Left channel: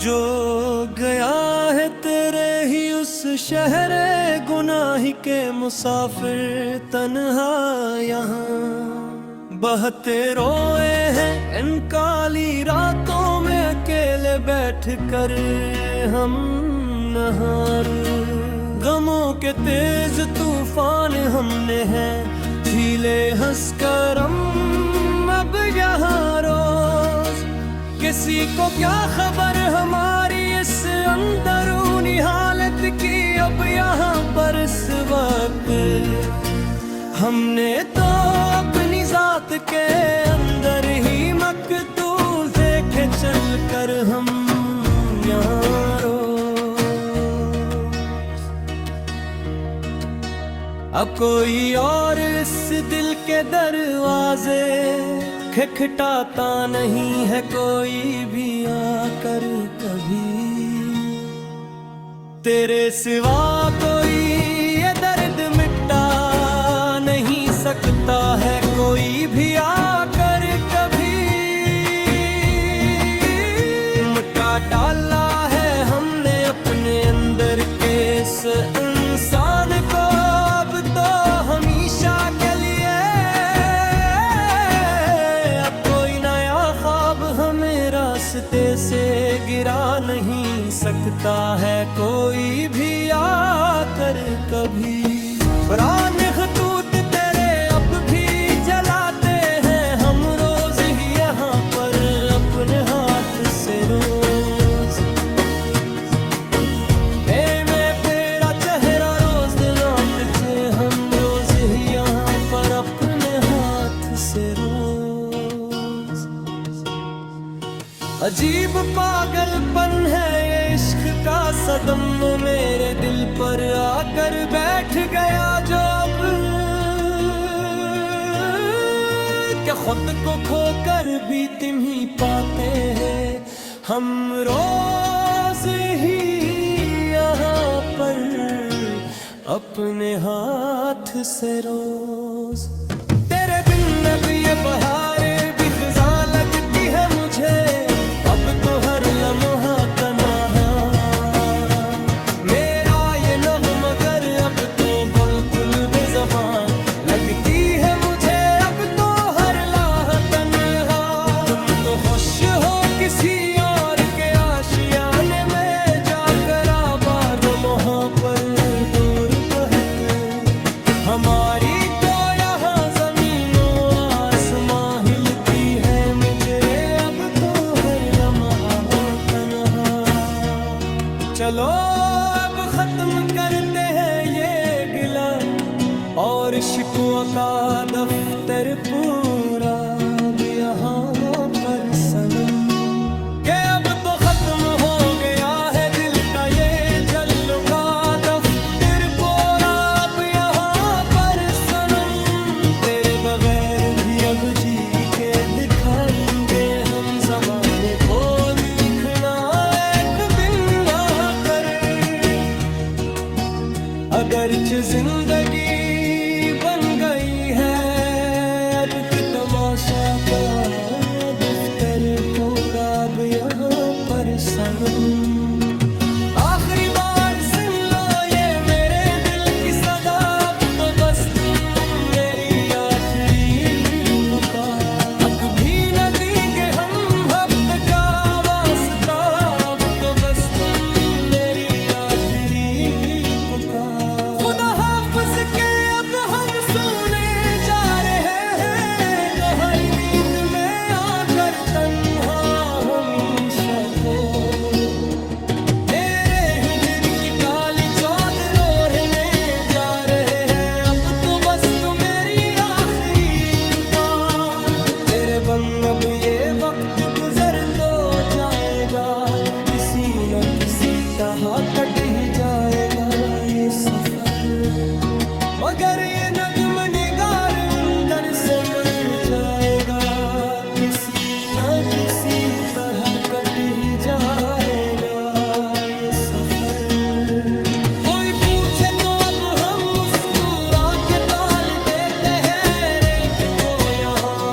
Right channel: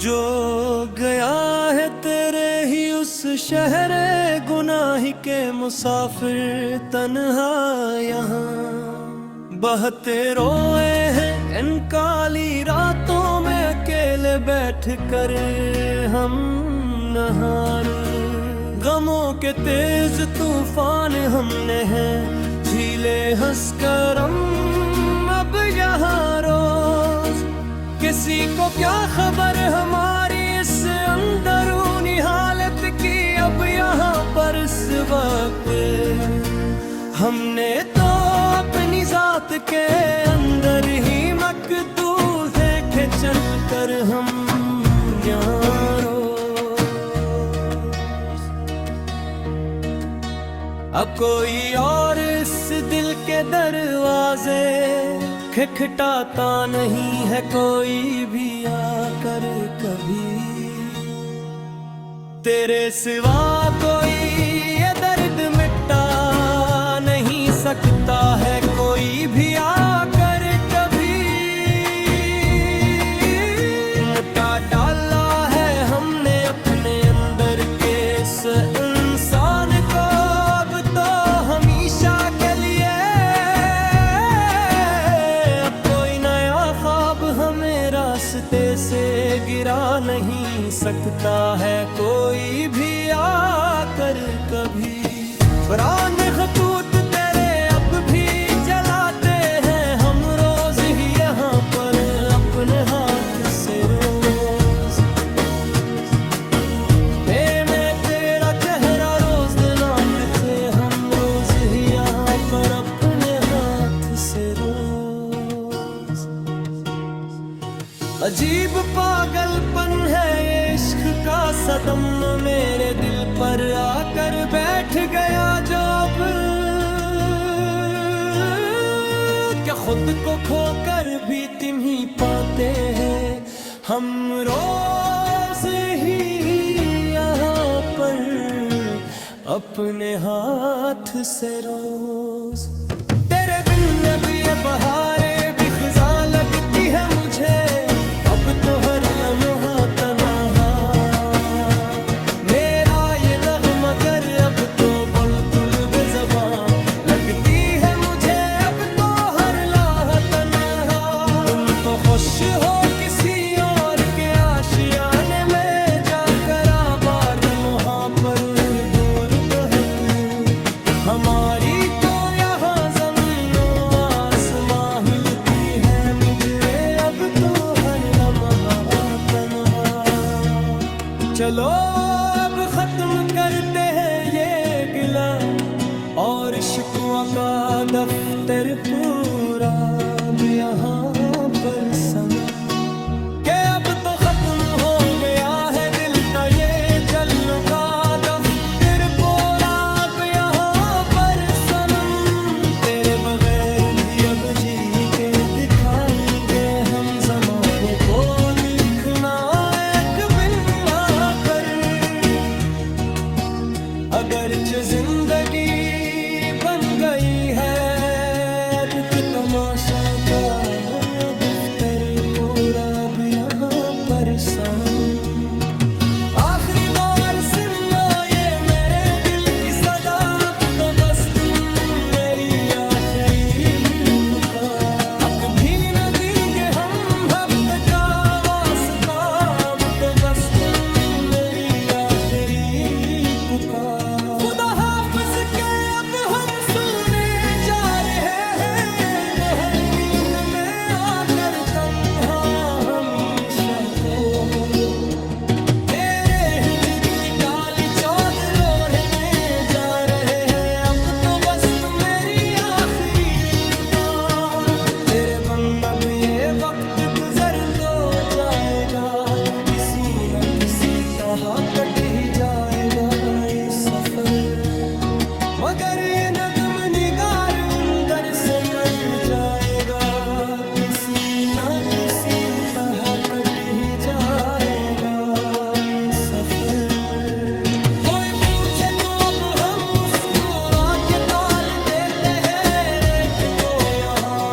जो गया है तेरे ही उस शहर गुनाह के मुसाफिर तन्हा यहाँ बहते रोए हैं इन काली रातों में अकेले बैठ कर हम नहार। गमों के तेज तूफान हमने हैं झीले हंसकर हम अब यहाँ रोज। किसी को क्या खबर हमारी इस अंदरूनी हालत की अब यहाँ पर इस वक्त। हमने तो अपनी जात के अंदर ही मकतूल देखे चल कर हम यहाँ रोज। अब कोई और इस दिल के दरवाजे खटखटाता नहीं है कोई भी आकर कभी। तेरे सिवा कोई ये दर्द मिटा नहीं सकता है कोई भी आकर कभी। मिटा डाला है हमने अपने अंदर के इस इंसान को अब तो हमेशा के लिए। अब कोई नया ख्वाब हमें रास्ते से गिरा नहीं सकता है कोई भी आकर कभी। पुरान खतूत तेरे अब भी जलाते हैं हम रोज ही यहाँ पर अपने हाथ से रोज। में तेरा चेहरा रोज दिलाते हम रोज ही यहाँ पर अपने हाथ से रोज। अजीब पागलपन है ये इश्क का सदम मेरे दिल पर आकर बैठ गया जो अब क्या खुद को खोकर भी तुम ही पाते हैं हम रोज ही यहाँ पर अपने हाथ से रोज। तेरे बिन अब ये बहारें भी फिजा लगती है मुझे अब तो हर लम्हा तन्हा। मेरा ये नग़्मा गर अब तो बिल्कुल बेज़बान लगती है मुझे अब तो हर लाह तन्हा। तुम तो खुश हो किसी और के आशियाने में जाकर आबाद वहाँ पर दूर बहत। हमारी तो यहाँ ज़मीनों आसमां हिलती है मुझे अब तो हर लम्हा तन्हा। चलो अब खत्म करते हैं ये गिला और शिकवा का दफ्तर पूरा अब यहाँ पर सनम। के अब तो खत्म हो गया है दिल का ये जल्लो का दफ्तर पूरा अब यहाँ पर सनम। तेरे बगैर भी अब जी के दिखाएंगे हम ज़माने को दिखना एक बिन आकर। अगरचे जिंदगी बन गई है एक तमाशा का दफ्तर पूरा अब यहाँ पर सनम। आखिरी बार सुन लो ये मेरे दिल की सदा अब तो बस तुम मेरी आखिरी पुकार। अब भी न देंगे हम वक्त का वास्ता अब तो बस तुम मेरी आखिरी पुकार। खुदा हाफ़िज़ के अब हम सोने जा रहे हैं तो हरी नींद में आकर तन्हा हमेशा को। तेरे हिजर की काली चादर ओढ़ने जा रहे हैं अब तो बस तुम मेरी आखिरी पुकार। तेरे बन अब ये वक्त गुजर तो जाएगा किसी न किसी तरह कट ही जाएगा ये सफर। मगर ये नगम निगार अंदर से मर जाएगा किसी न किसी तरह कट ही जाएगा ये सफर। कोई पूछे तो अब हम मुस्कुरा के ताल देते हैं रेत को यहाँ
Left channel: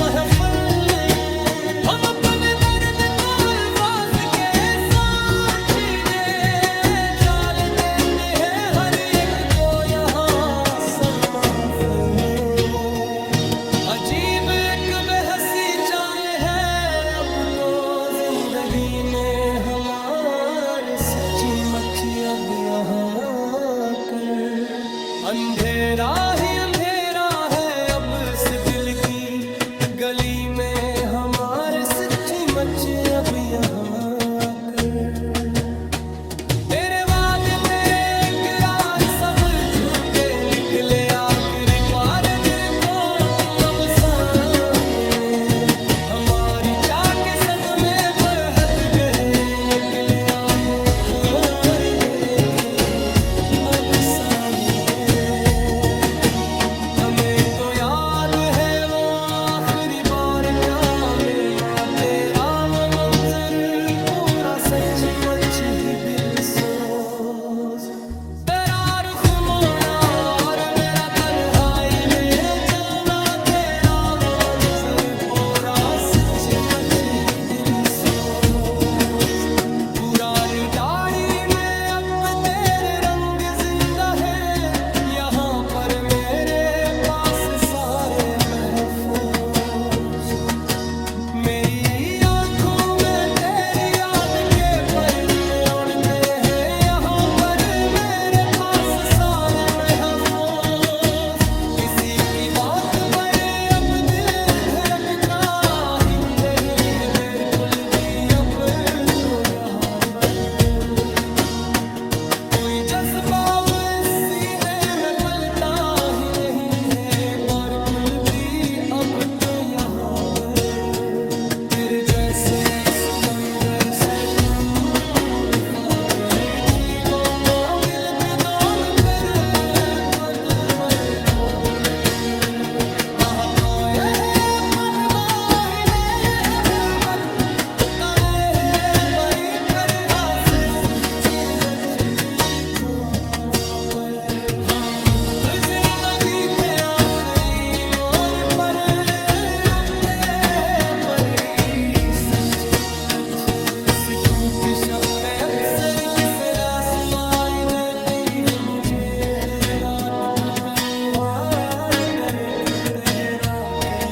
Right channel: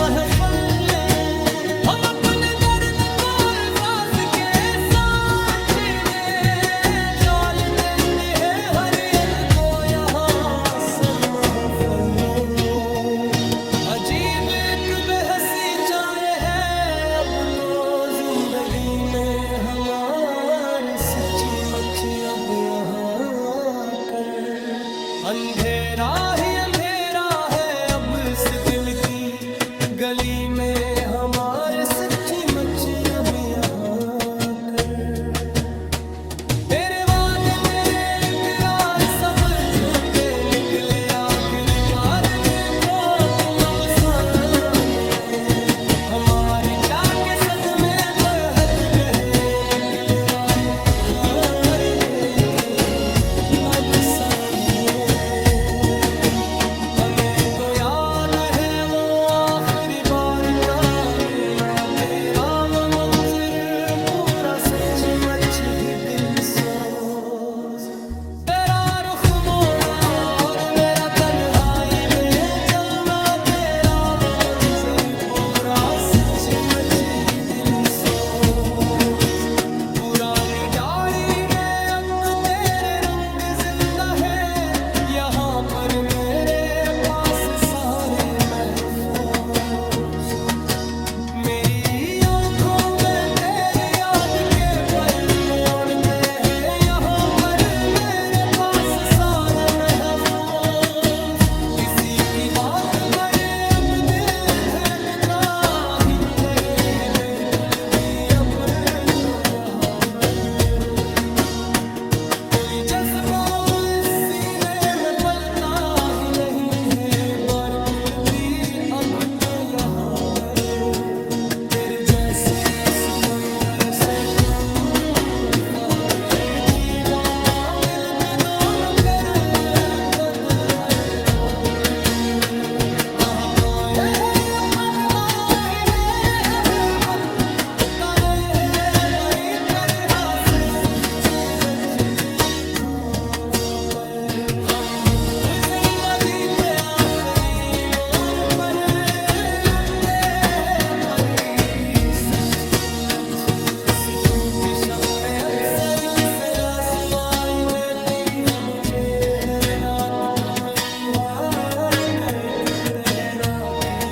महफल में। हम अपने दर्द को अल्फाज के अजीब एक बेहसी चाहे है अब तो जिंदगी में हमारे, सच्ची मच अब यहाँ कर। अंधेरा ही अंधेरा है अब इस दिल की गली में हमारे, सच्ची मच अब यहाँ कर। तेरे वादे तेरे इकरार सब झूठे निकले आखिर पार, देखो तुम अब सामने। हमारी चाह के सदमे पर हद गहरे निकले आहे खार, देखो तुम अब सामने। हमें तो याद है वो आखिरी बार का मिलना, तेरा वो मंजर पूरा सचमुच ही दिल सोज। तेरा रुख मोड़ना और मेरा तन्हाई में जलना, तेरा वो मंजर पूरा सचमुच ही दिल सोज। पुरानी दाढ़ी में अब तेरे रंग जिंदा है, यहाँ पर मेरे पास सारे महफूज। मेरी आंखों में तेरी याद के परले उड़ते हैं, यहाँ पर मेरे पास सारे महफूज। किसी की बात पर अब दिल धड़कता ही नहीं है, बिल्कुल भी अब तो यहाँ पर कोई जज्बा इस सीने में पलता ही नहीं है, बिल्कुल भी अब तो यहाँ पर। तेरे जैसे सितम वैसे तुम खाती थी, गमों दिल पे दोन कर पद पर गाह खोए है पदमाही में हम बद कमे है बड़ी कर हासे सच्ची रजी को पर। हम जिंदगी पे आखिरी मोड़ पर उठते हैं परी, सच्चे अच्छे सिकूत शब अक्सर किस रात सुनाई देती है मुझे, हर रात को तन्हा दर्द ठहरा के।